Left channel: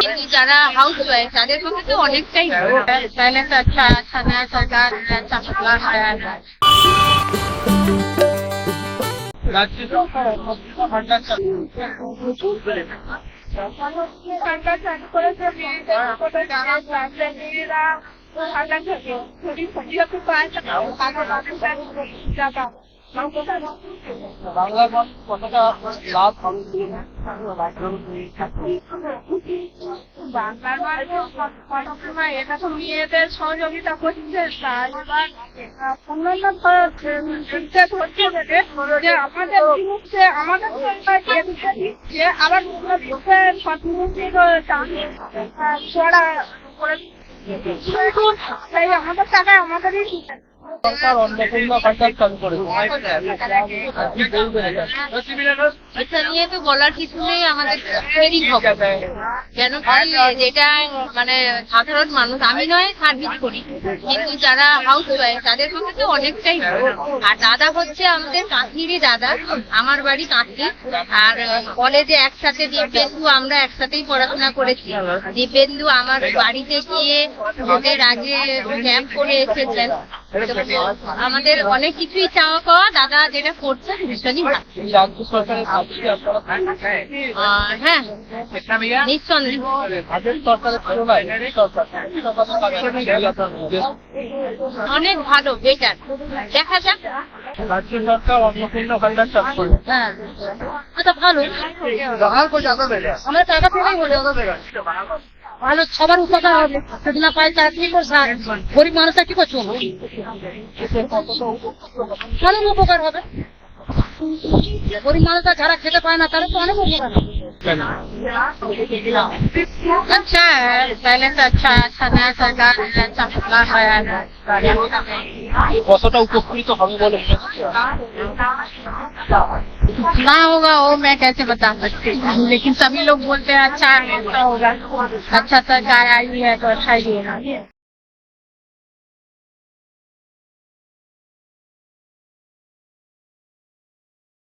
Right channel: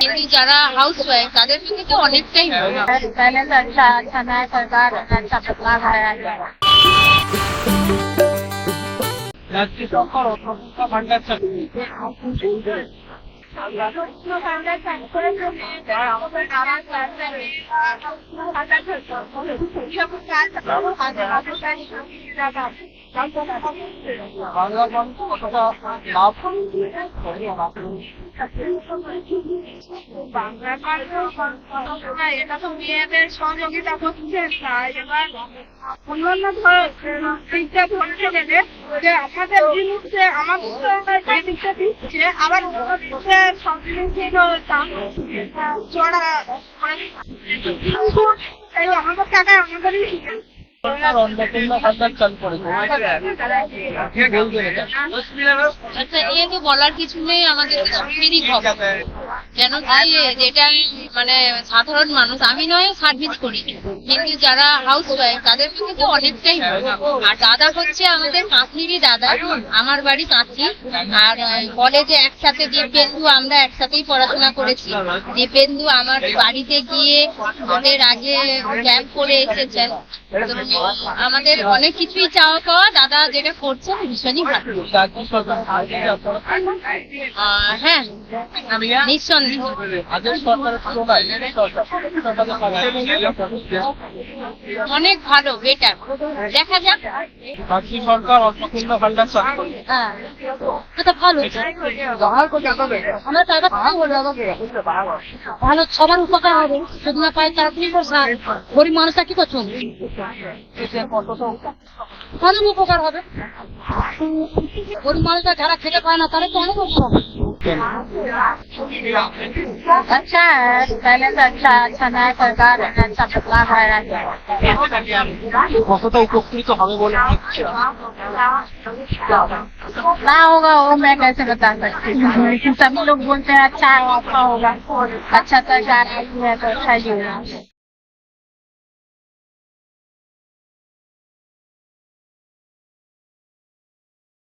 কিন্তু যারা house wife তাদের পক্ষে তো অনেকটাই पहले से अच्छा नया सरकार अच्छा बदलाव आया है। রাজ্য সরকার অন্নপূর্ণা ভান্ডার চালু ভান্ডার চালু করেছে বাংলার মানুষ কতটা লাভ হবে বাংলার মানুষ সময় এটা তো মেয়েদের সহযোগিতা করছে, তাই এবার অন্যান্য দিকটা ধরতে দেবে যে আমাদের জিনিসে আমাদের যে দিকটা দিচ্ছে আবার অন্য দিকটা সব জিনিসের দাম চড়া করে আমাদের টাকায় আমাদেরই সরকার অন্নপূর্ণা ভান্ডার চালু করেছে কি বলবেন এটা? এটা নিয়ে তো বলার কিছু নেই, আমাদের তো সুখেরই খবর। কেন কি যেটা মানে সাধারণ মানুষ, আমি নয় সার্ভিস করি, কিন্তু যারা হাউস ওয়াইফ তাদের পক্ষে তো অনেকটাই ভালো। আর দাদা হচ্ছে আমাদের কাঁথিরই দাদা, আমার বাড়ি কাঁথি। আর কলেজে একসাথে দীপেন্দু, আমরা একসাথেই পড়াশোনা করেছি। দীপেন্দু আমার বাড়িতে গিয়ে ভোটের আগে ক্যাম্প করে এসেছেন। তো আমাদের অনেক কিছুই চাওয়া পাওয়া, দাদা যেটা করছেন ভীষণই ভালো। রাজ্য সরকারের কাছে কি আপনারা হ্যাঁ নিঃসন্দেহ আগের সরকারের তুলনায় এই সরকার সরকারের কাছে কি আপনারা অনেক ভালো, বেটার। দেখা যাক। রাজ্য সরকার অন্নপূর্ণা ভান্ডার চালু করেছে হ্যাঁ এটা ভালো, আমরা টাকা পেলেই হলো ভালো, সবার উপকার হবে। যদি না পাই তারা কি করছে, গরিব মানুষরা কি করছো, অনেক উপকার হবে। গরিব মানুষরা যারা খেতে পায় না তাদের তো অনেক উপকার। अच्छा है, पहले से अच्छा नया सरकार अच्छा बदलाव आया है। কতটা उपकृत হবে বলে মনে হচ্ছে? ना होगा वो मैं कैसे बता सकती हूँ, लेकिन सभी लोग बोलते हैं अच्छा होगा, अच्छा सरकार आई है तो अच्छा ही होगा।